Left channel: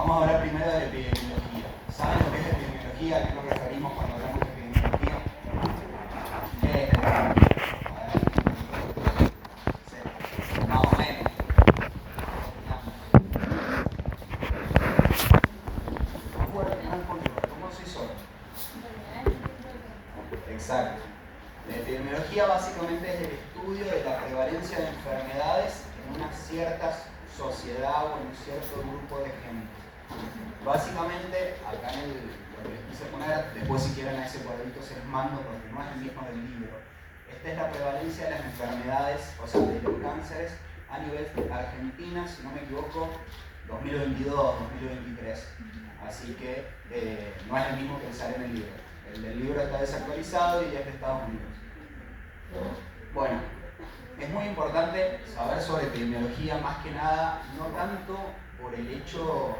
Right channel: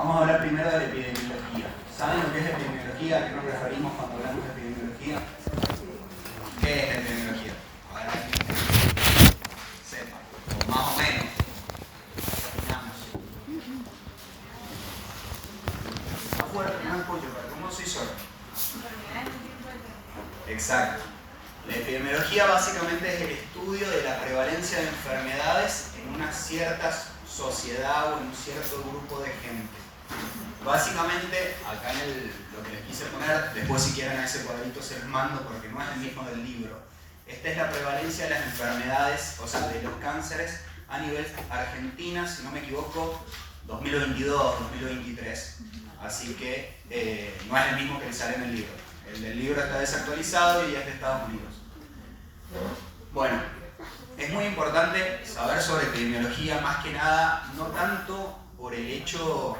Vamos a hablar primero de la epidemiología. ¿Saben lo que es epidemiología? ¿A qué nos referimos cuando hablamos de epidemiología? ¿Qué es la epidemiología? Para que sepa, más o menos. ¿Cómo se hizo? Exacto. La epidemiología básicamente es el estudio de la prevalencia de enfermedades en una cierta sociedad o en un cierto grupo de gente. Básicamente, acá en lo que les quise poner, después si quieren a ese cuadrito se los mando porque no es el mismo del libro. Esta es la prevalencia de las enfermedades, o sea, de los cánceres a nivel Argentina, si no me equivoco, 2022-2023. Así que no es el mismo que el sale en el libro. El del libro está desactualizado y es de Estados Unidos. Bueno, es muy importante saber sobre epidemiología, más que nada, no tanto por el hecho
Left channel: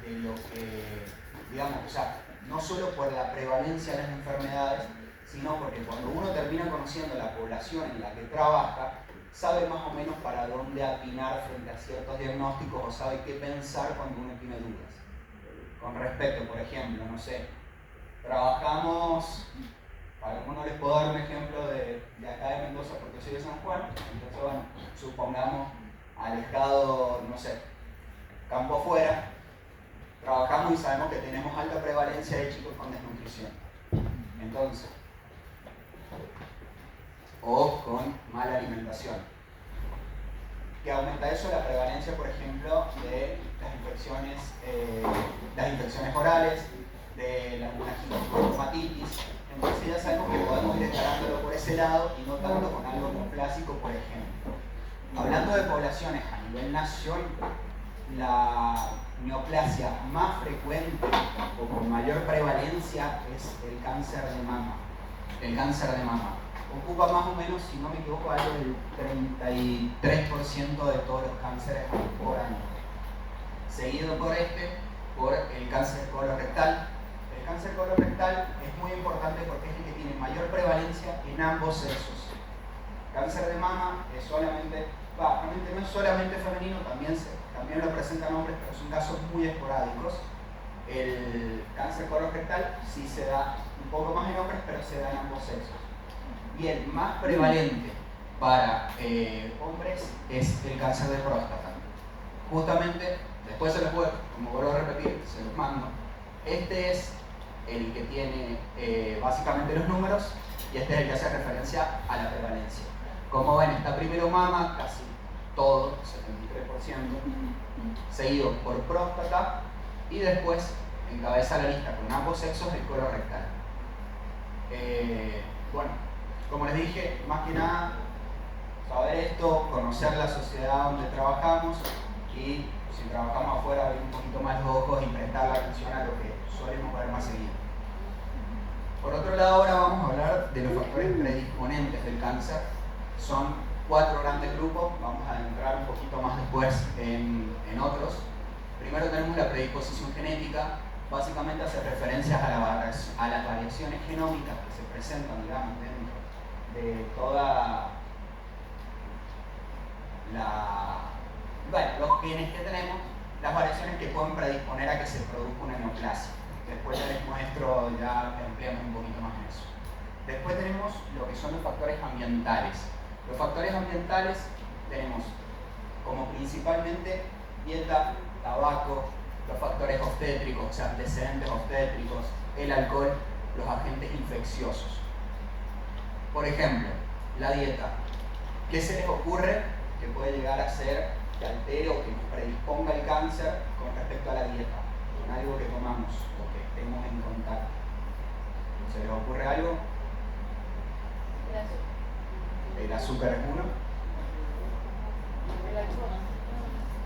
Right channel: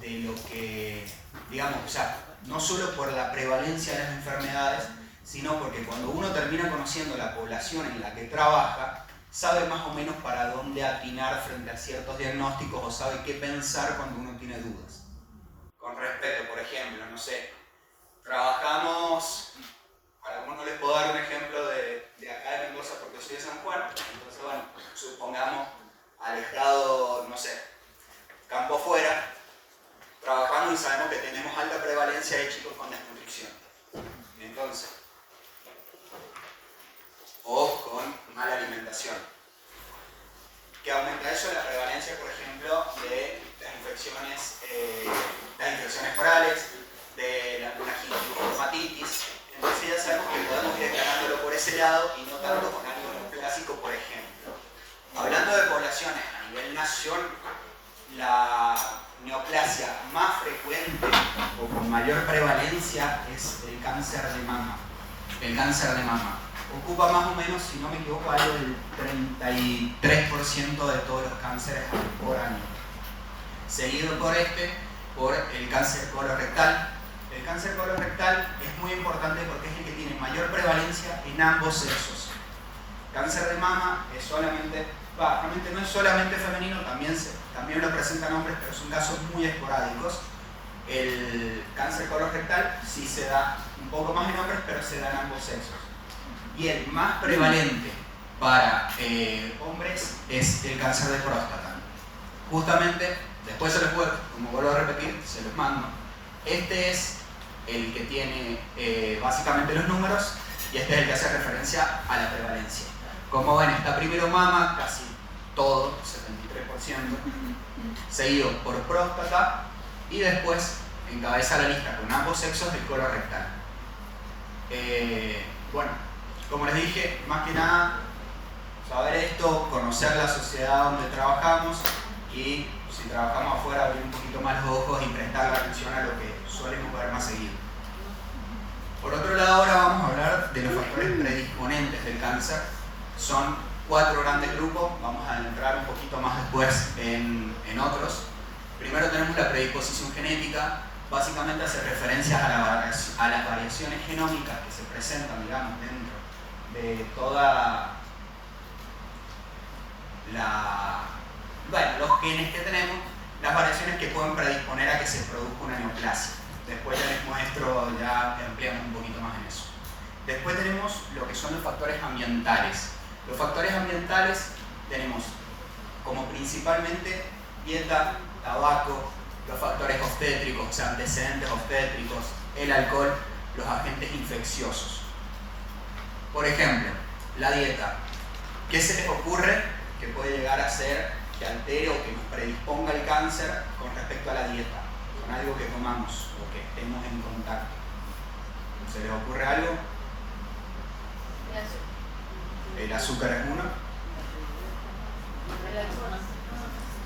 de lo que, digamos, o sea, no solo por la prevalencia de las enfermedades, sino porque cuando uno termina conociendo la población en la que trabaja, sabe más o menos para dónde atinar frente a ciertos diagnósticos o sabe qué pensar cuando uno tiene dudas. Con respecto, por ejemplo, no sé, trabajamos, para que no les puedo dar un ejemplo de acá de Mendoza porque soy de San Juan, entonces bueno, supongamos alejado, no sé, campo fuera, trabajamos y sabemos que tenemos alta prevalencia de chicos con desnutrición. Entonces, o con mala alimentación. ¿Qué aumenta eso? La prevalencia, por ejemplo, de las infecciones orales, de la gingivitis. Entonces ya sabemos que podemos ir escalándolo por ese lado y no tanto con algo neoplásico, por ejemplo. Hablando de poblaciones a nivel nacional, la neoplasia más frecuente o con mayor prevalencia es el cáncer de mama. El cáncer de mama ocupa más o menos, si no me equivoco, algo del 33% de todos los cánceres por año. Seguido por el cáncer colorectal. El cáncer colorectal es muy importante porque es el que tiene mayor prevalencia en ambos sexos. Cáncer de mama es solamente, realmente no es solamente femenino, también lo presentan hombres, pero son casos muy esporádicos. El cáncer colorectal sí se da un poco más en hombres, pero se da en ambos sexos. Y el más prevalente para hombres es el cáncer de próstata. Justamente, después se los puedo, como vuelvo a repetir, se los mando. Este es el que tiene básicamente los números y este es el que hace referencia a la prevalencia. Como ven, está primero mama, casi todo, 73%, seguido por próstata y después encabeza la lista con ambos sexos del colorectal. Bueno, como les dije, más que nada, saber esto, conocer la sociedad donde trabajamos y si trabajamos afuera, abrir un poquito más los ojos y prestar atención a lo que solemos ver más seguido. Por otro lado, ahora vamos a hablar de los factores predisponentes del cáncer. Son 4 grandes grupos, vamos a entrar un poquito más después en otros. Primero tenemos la predisposición genética, básicamente hace referencia a las variaciones genómicas que se presentan, digamos, dentro de toda los genes que tenemos, las variaciones que pueden predisponer a que se produzca una neoplasia. Después les muestro, ya ampliamos un poquito más en eso. Después tenemos lo que son los factores ambientales. Los factores ambientales tenemos como principalmente dieta, tabaco, los factores obstétricos, o sea, antecedentes obstétricos, el alcohol, los agentes infecciosos. Por ejemplo, la dieta. ¿Qué se les ocurre que puede llegar a ser que altere o que nos predisponga al cáncer con respecto a la dieta? Con algo que comamos o que estemos en contacto. ¿Se les ocurre algo? El azúcar es uno.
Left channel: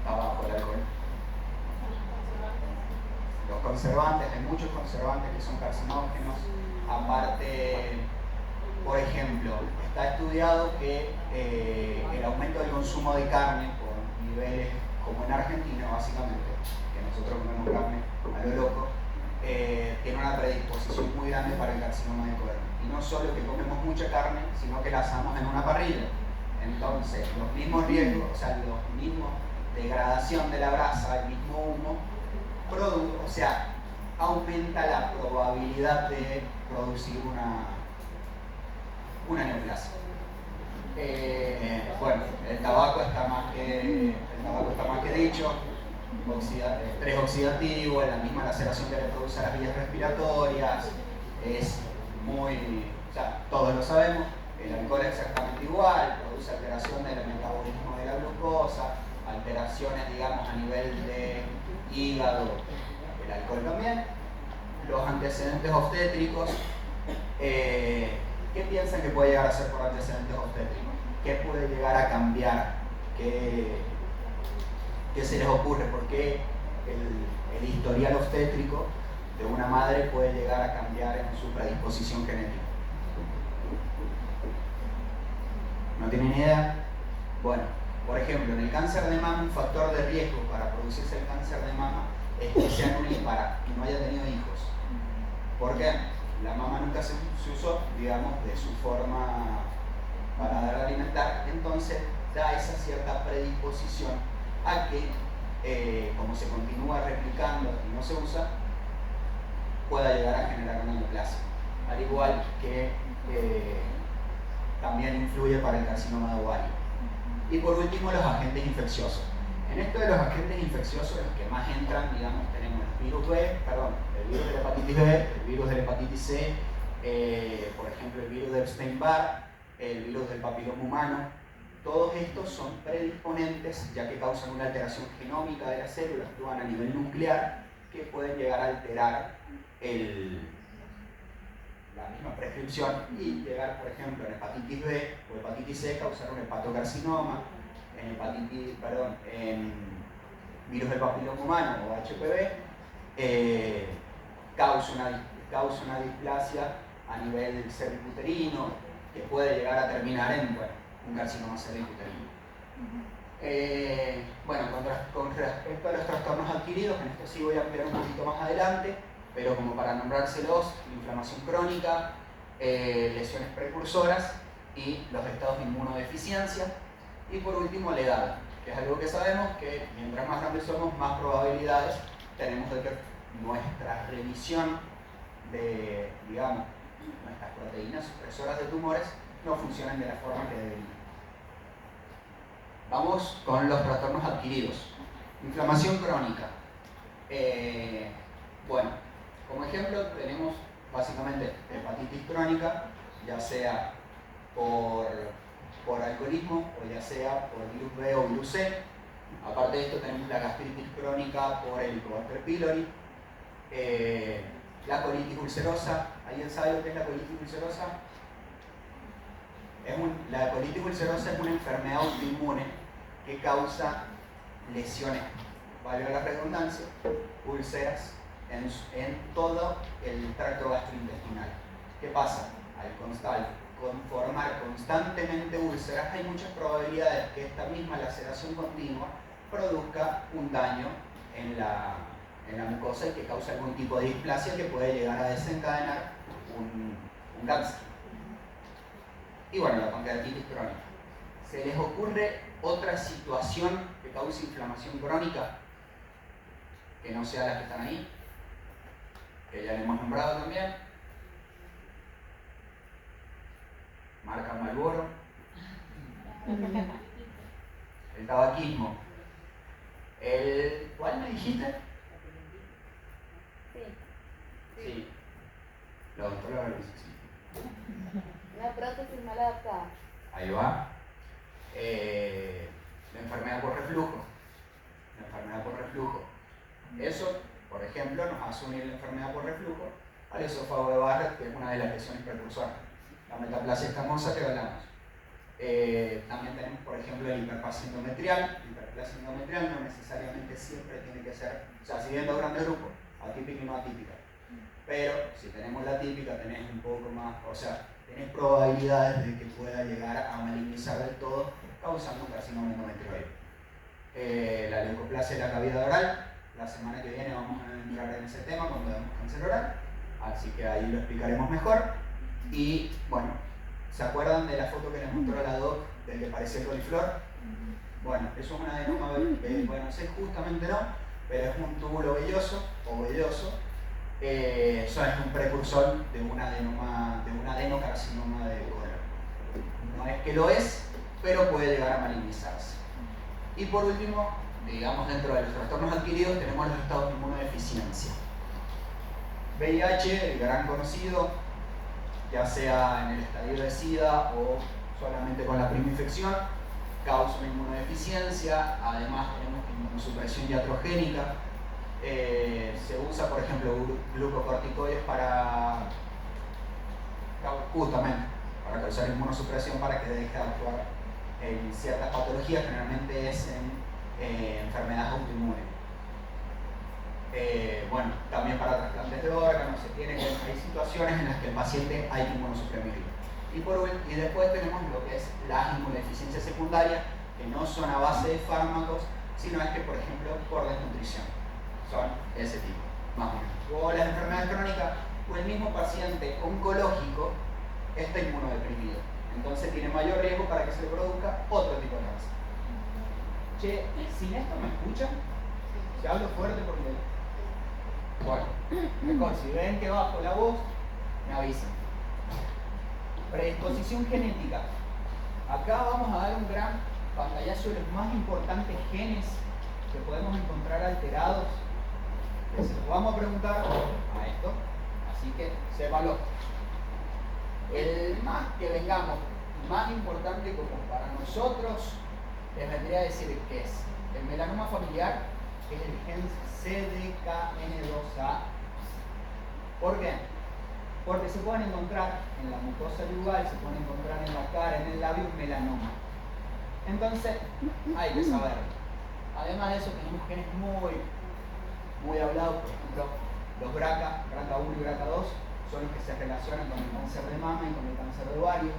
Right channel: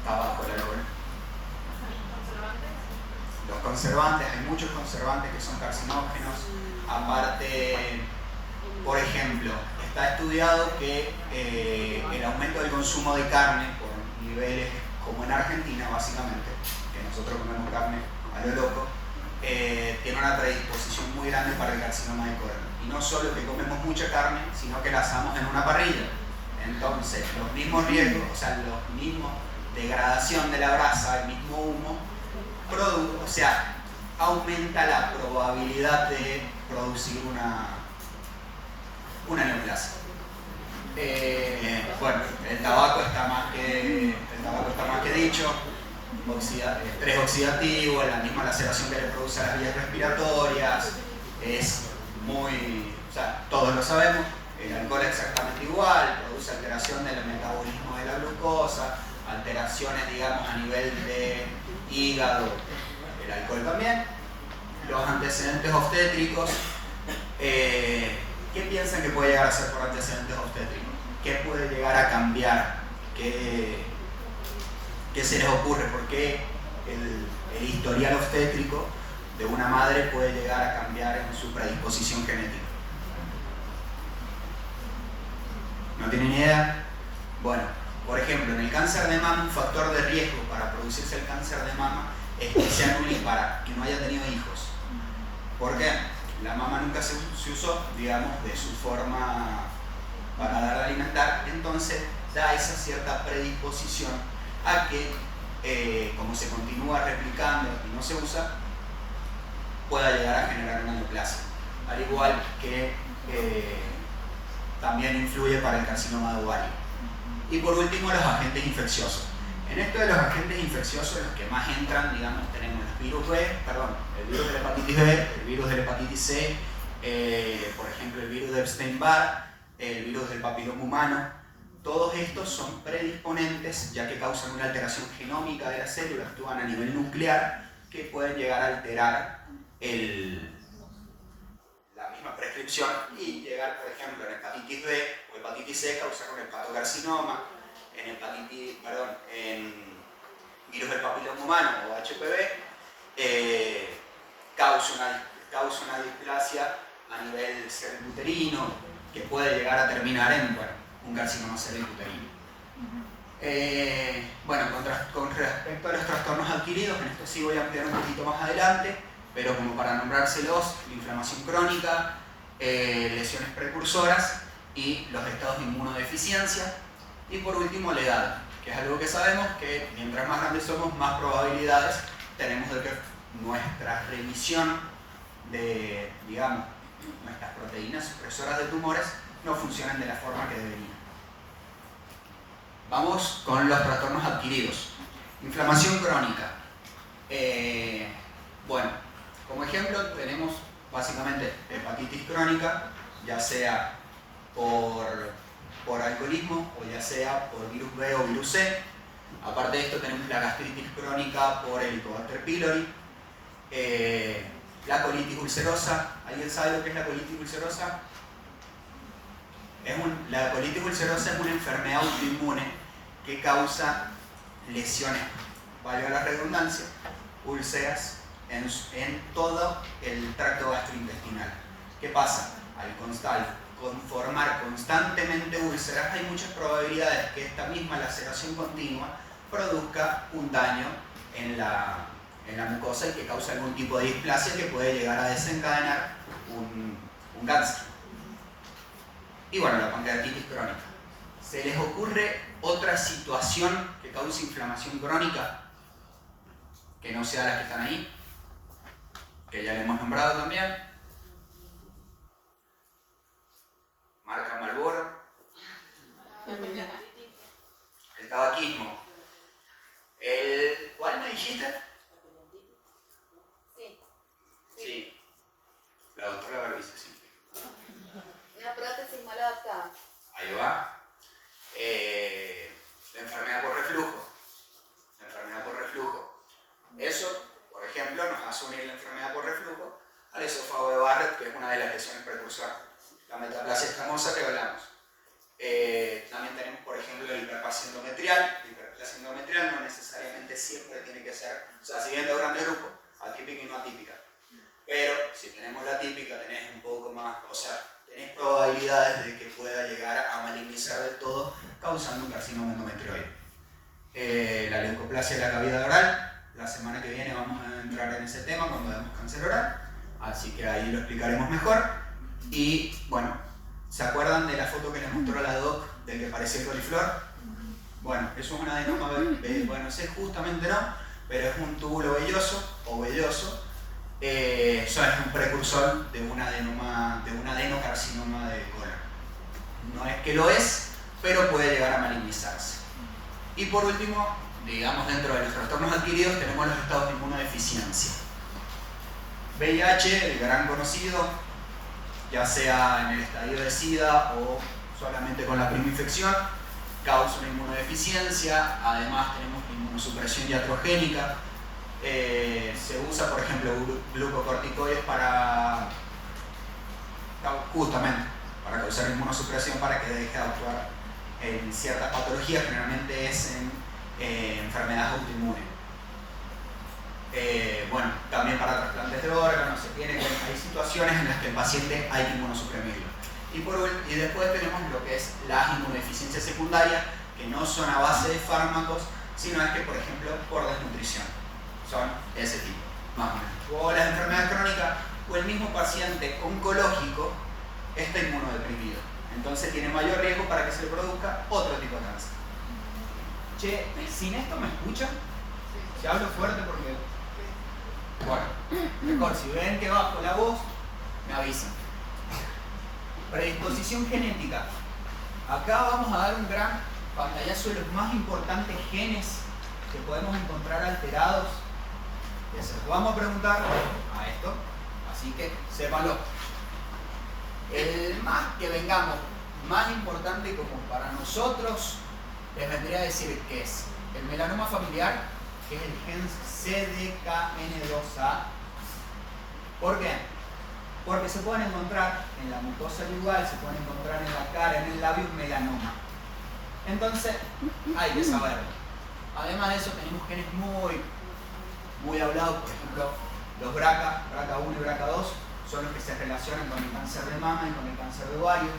Tabaco, el alcohol. Los conservantes, hay muchos conservantes que son carcinógenos. Aparte, por ejemplo, está estudiado que el aumento del consumo de carne por niveles como en Argentina básicamente, que nosotros comemos carne a lo loco, tiene una predisposición muy grande para el carcinoma de colon. Y no solo que comemos mucha carne, sino que la asamos en una parrilla. Entonces, los mismos riesgos, o sea, los mismos degradación de la grasa, el mismo humo, sea, aumenta la probabilidad de producir una neoplasia. Bueno, el tabaco está más que dicho, estrés oxidativo, la misma laceración que le produce a las vías respiratorias, es muy, o sea, todos lo sabemos, el alcohol es exactamente igual, produce alteración del metabolismo de la glucosa, alteraciones, digamos, a nivel de hígado, el alcohol también, los antecedentes obstétricos. ¿Qué piensan que puede llegar a ser por antecedentes obstétricos? ¿Qué puede llegar a cambiar? ¿Qué se les ocurre? ¿Por qué el historial obstétrico de una madre puede llegar a cambiar en su predisposición genética? ¿No tienen idea? Bueno, por ejemplo, en el cáncer de mama, un factor de riesgo para producirse el cáncer de mama es que sea nulípara, que no haya tenido hijos. ¿Por qué? La mama nunca se usó, digamos, de su forma para dar a alimentar, entonces da esa cierta predisposición a que, como se continúa replicando y no se usa, pueda llegar a generar una neoplasia. Al igual que también influye para el carcinoma de ovario. Y por último, los agentes infecciosos. En esto de los agentes infecciosos, los que más entran, digamos, tenemos el virus de la hepatitis B, el virus de la hepatitis C, por ejemplo, el virus de Epstein-Barr, el virus del papiloma humano. Todos estos son predisponentes, ya que causan una alteración genómica de las células, actúan a nivel nuclear, que pueden llegar a alterar la misma prescripción y llegar, por ejemplo, en hepatitis B o hepatitis C, causar un hepatocarcinoma, en virus del papiloma humano o HPV, causa una displasia a nivel cervicuterino que puede llegar a terminar en un carcinoma cervicuterino. Bueno, con respecto a los trastornos adquiridos, en esto sí voy a ampliar un poquito más adelante, pero como para nombrárselos, la inflamación crónica, lesiones precursoras y los estados de inmunodeficiencia. Y por último, la edad, que es algo que sabemos que mientras más grandes somos, más probabilidades tenemos de que nuestra remisión de, digamos, nuestras proteínas supresoras de tumores no funcionen de la forma que deberían. Vamos con los trastornos adquiridos. Inflamación crónica. Bueno, como ejemplo tenemos básicamente hepatitis crónica, ya sea por alcoholismo o ya sea por virus B o virus C. Aparte de esto tenemos la gastritis crónica por Helicobacter pylori, la colitis ulcerosa. ¿Alguien sabe lo que es la colitis ulcerosa? La colitis ulcerosa es una enfermedad autoinmune que causa lesiones, valga la redundancia, úlceras en todo el tracto gastrointestinal. ¿Qué pasa? Al conformar constantemente úlceras, hay muchas probabilidades que esta misma laceración continua produzca un daño en la mucosa y que cause algún tipo de displasia que puede llegar a desencadenar un cáncer. Y bueno, la pancreatitis crónica. ¿Se les ocurre otra situación que cause inflamación crónica que no sea la que están ahí? Que ya le hemos nombrado también. Marca Marlboro. El tabaquismo. ¿Cuál me dijiste? Sí. La doctora Barbiza, sí. La prótesis mal adaptada. Ahí va. La enfermedad por reflujo. Eso, por ejemplo, nos hace unir la enfermedad por reflujo al esófago de Barrett, que es una de las lesiones precursoras. La metaplasia escamosa que hablamos. También tenemos, por ejemplo, la hiperplasia endometrial. La hiperplasia endometrial no necesariamente siempre tiene que ser, o sea, siguiendo grandes grupos, atípica y no atípica. Pero si tenemos la típica, tenés un poco más, o sea, tenés probabilidades de que pueda llegar a malignizar del todo, causando un carcinoma endometrioide. La leucoplasia de la cavidad oral, la semana que viene vamos a entrar en ese tema cuando vemos cáncer oral, así que ahí lo explicaremos mejor. Y bueno, ¿se acuerdan de la foto que les mostró la doc del que parecía el coliflor? Bueno, eso es un adenoma, bueno, ese justamente no, pero es un túbulo velloso o o velloso, eso es un precursor de un adenocarcinoma de colon. No es que lo es, pero puede llegar a malignizarse. Y por último, digamos, dentro de los trastornos adquiridos tenemos los estados de inmunodeficiencia. VIH, el gran conocido, ya sea en el estadio de SIDA o solamente con la primera infección, causa una inmunodeficiencia. Además tenemos inmunosupresión iatrogénica. Se usa, por ejemplo, glucocorticoides justamente para causar inmunosupresión, para que deje de actuar en ciertas patologías, generalmente es en enfermedades autoinmunes. Bueno, también para trasplantes de órganos hay situaciones en las que el paciente hay que inmunosuprimirlo. Y después tenemos lo que es las inmunodeficiencias secundarias, que no son a base de fármacos, sino es que, por ejemplo, por desnutrición. Son ese tipo, más o menos. O las enfermedades crónicas, o el mismo paciente oncológico está inmunodeprimido. Entonces tiene mayor riesgo para que se le produzca otro tipo de cáncer. Che, ¿sin esto me escuchan? Si hablo fuerte porque... Bueno, mejor, si ven que bajo la voz, me avisan. Predisposición genética. Acá vamos a dar un gran pantallazo de los más importantes genes que podemos encontrar alterados, que se los vamos a preguntar a esto, así que sépanlo. El más que vengamos, más importante como para nosotros, les vendría a decir que es el melanoma familiar, que es el gen CDKN2A. ¿Por qué? Porque se pueden encontrar en la mucosa lingual, se pueden encontrar en la cara, en el labio, un melanoma. Entonces, hay que saberlo. Además de eso, tenemos genes muy hablados, por ejemplo, los BRCA1 y BRCA2, son los que se relacionan con el cáncer de mama y con el cáncer de ovario,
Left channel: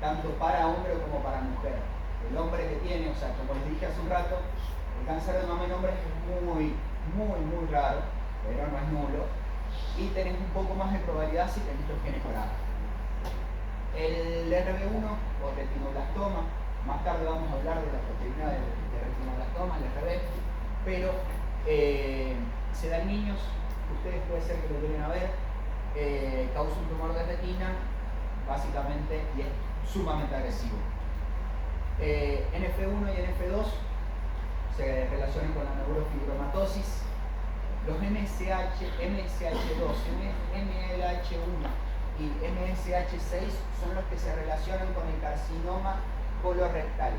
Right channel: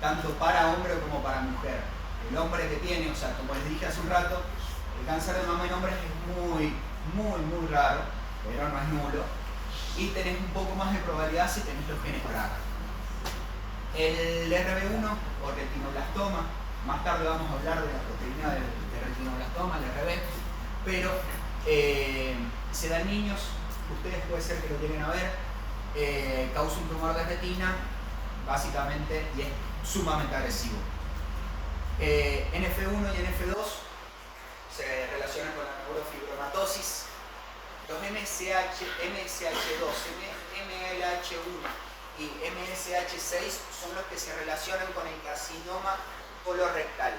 tanto para hombre como para mujer. El hombre que tiene, o sea, como les dije hace un rato, el cáncer de mama en hombres es muy raro, pero no es nulo, y tenés un poco más de probabilidad si tenés los genes BRCA. El RB1 o retinoblastoma, más tarde vamos a hablar de la proteína de retinoblastoma, el RB, pero se da en niños, ustedes puede ser que lo lleguen a ver, causa un tumor de retina, básicamente, y es sumamente agresivo. NF1 y NF2 se relacionan con la neurofibromatosis. Los MSH2, MLH1 y MSH6 son los que se relacionan con el carcinoma colorectal,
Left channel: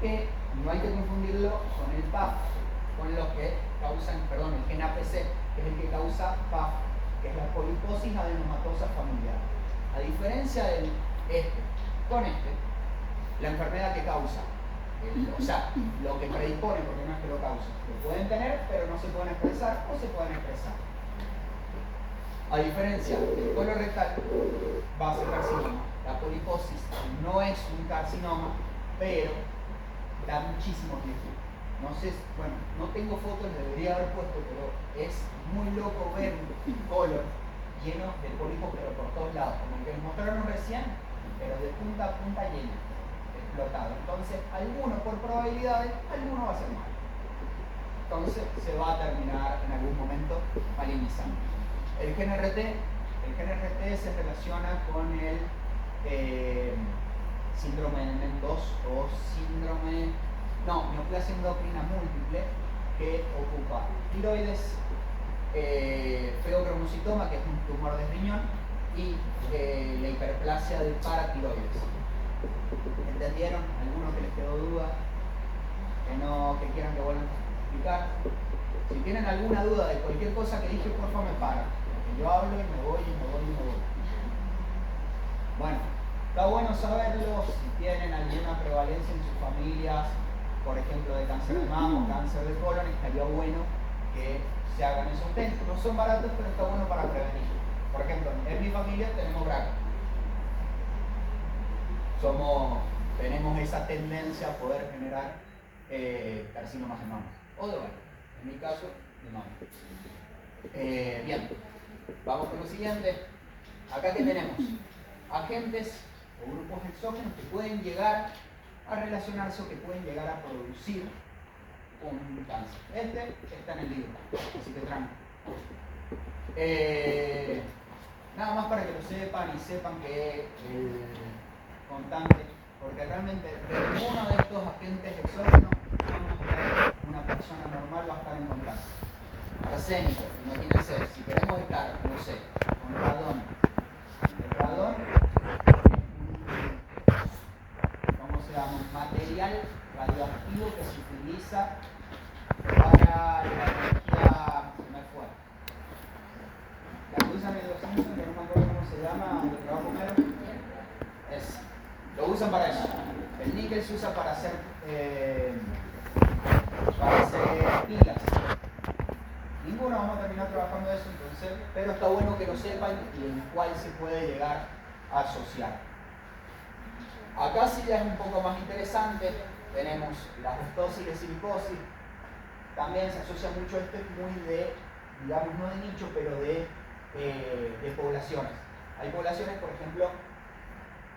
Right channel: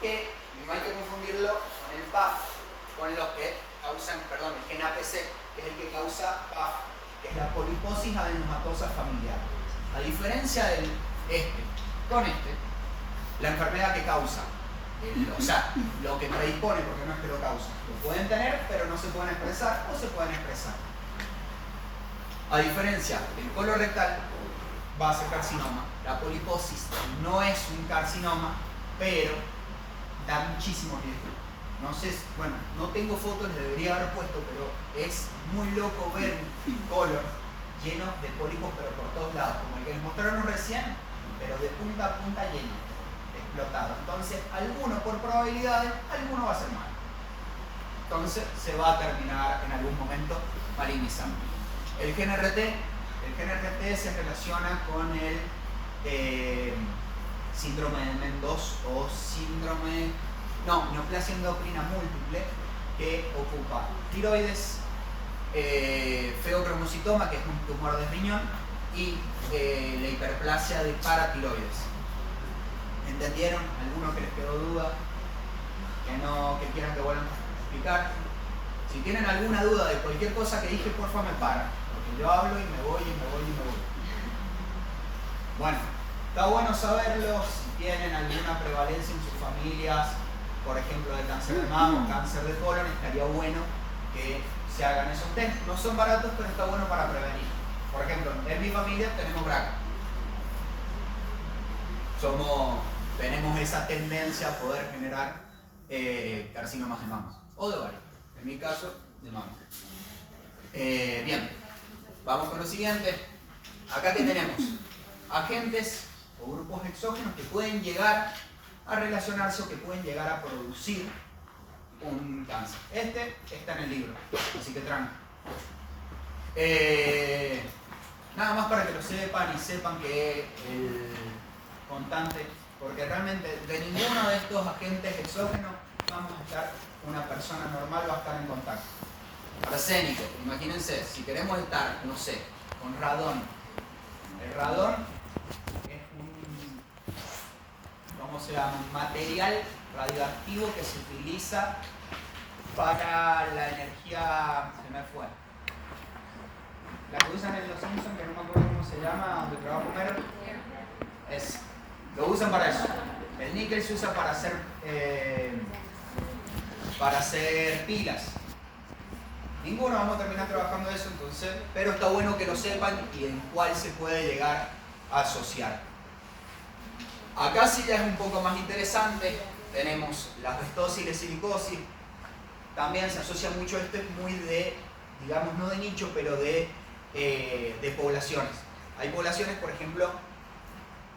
que no hay que confundirlo con el PAF, con los que causan, perdón, el gen APC, que es el que causa PAF, que es la poliposis adenomatosa familiar. A diferencia del con la enfermedad que causa, o sea, lo que predispone, porque no es que lo causa, lo pueden tener, pero no se pueden expresar o se pueden expresar. A diferencia del colorectal, va a ser carcinoma. La poliposis no es un carcinoma, pero da muchísimo riesgo. No sé, bueno, no tengo fotos, les debería haber puesto, pero es muy loco ver un colon lleno de pólipos, pero por todos lados, como el que les mostraron recién, pero de punta a punta lleno, explotado. Entonces, alguno por probabilidades, alguno va a ser malo. Entonces, se va a terminar en algún momento malignizando. El gen RT se relaciona con el síndrome de MEN2 o neoplasia endocrina múltiple, que ocupa tiroides, feocromocitoma, que es un tumor de riñón, y la hiperplasia de paratiroides. ¿Entendieron? ¿Alguno que les quedó duda? ¿Que quieran que vuelvan a explicar? Si tienen alguna duda de cualquier cosa que dije, porfa me paran, porque yo hablo y me voy. Bueno, está bueno saberlo. Si tienen alguna prevalencia en sus familias, por ejemplo de cáncer de mama o cáncer de colon, estaría bueno que se hagan esos test. No son baratos, pero está bueno para prevenir. Por ejemplo, en mi familia tenemos BRCA. Tenemos esa tendencia a poder generar carcinomas de mama o de ovario. En mi caso, de mama. Bien, vamos con lo siguiente. Acá que tenemos agentes o grupos exógenos que pueden llegar a relacionarse o que pueden llegar a producir un cáncer. Este está en el libro, así que tranqui. Nada más para que lo sepan y sepan que el contante, porque realmente de ninguno de estos agentes exógenos vamos a estar, una persona normal va a estar en contacto. Arsénico, imagínense, si queremos estar, no sé, con radón. El radón es un material radioactivo que se utiliza para la energía, se me fue. La que usan en los Simpsons, que no me acuerdo cómo se llama, donde trabaja Homero. Es, lo usan para eso. El níquel se usa para hacer pilas. Ninguno vamos a terminar trabajando eso, entonces, pero está bueno que lo sepan y en cuál se puede llegar a asociar. Acá sí ya es un poco más interesante, tenemos la asbestosis y la silicosis. También se asocia mucho, esto es muy de, digamos, no de nicho, pero de poblaciones. Hay poblaciones, por ejemplo,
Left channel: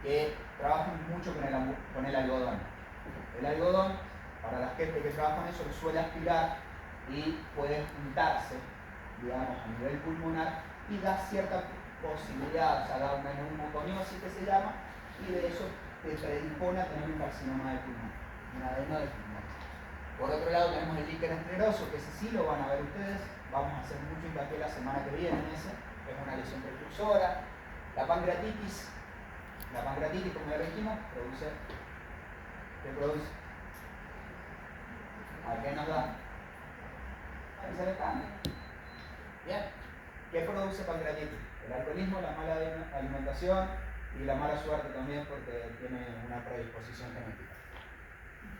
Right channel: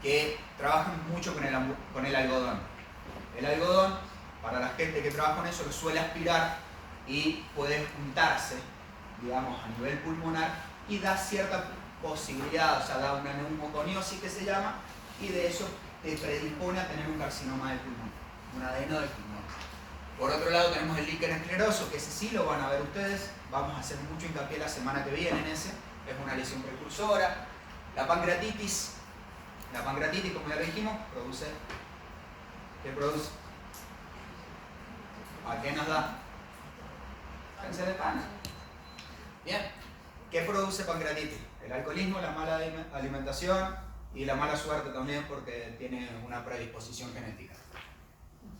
que trabajan mucho con el algodón. El algodón, para la gente que trabaja con eso, lo suele aspirar y puede juntarse, digamos, a nivel pulmonar y da cierta posibilidad, o sea, da una neumoconiosis que se llama, y de eso te predispone a tener un carcinoma de pulmón, un adeno de pulmón. Por otro lado tenemos el líquen escleroso, que ese sí lo van a ver ustedes, vamos a hacer mucho hincapié la semana que viene en ese, es una lesión precursora. La pancreatitis, como ya dijimos, ¿qué produce? ¿A qué nos da? Cáncer de pana. Bien. ¿Qué produce pancreatitis? El alcoholismo, la mala alimentación y la mala suerte también porque tiene una predisposición genética.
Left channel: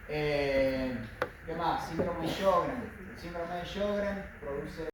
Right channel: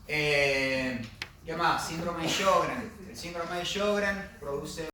¿Qué más? Síndrome de Sjögren. El síndrome de Sjögren produce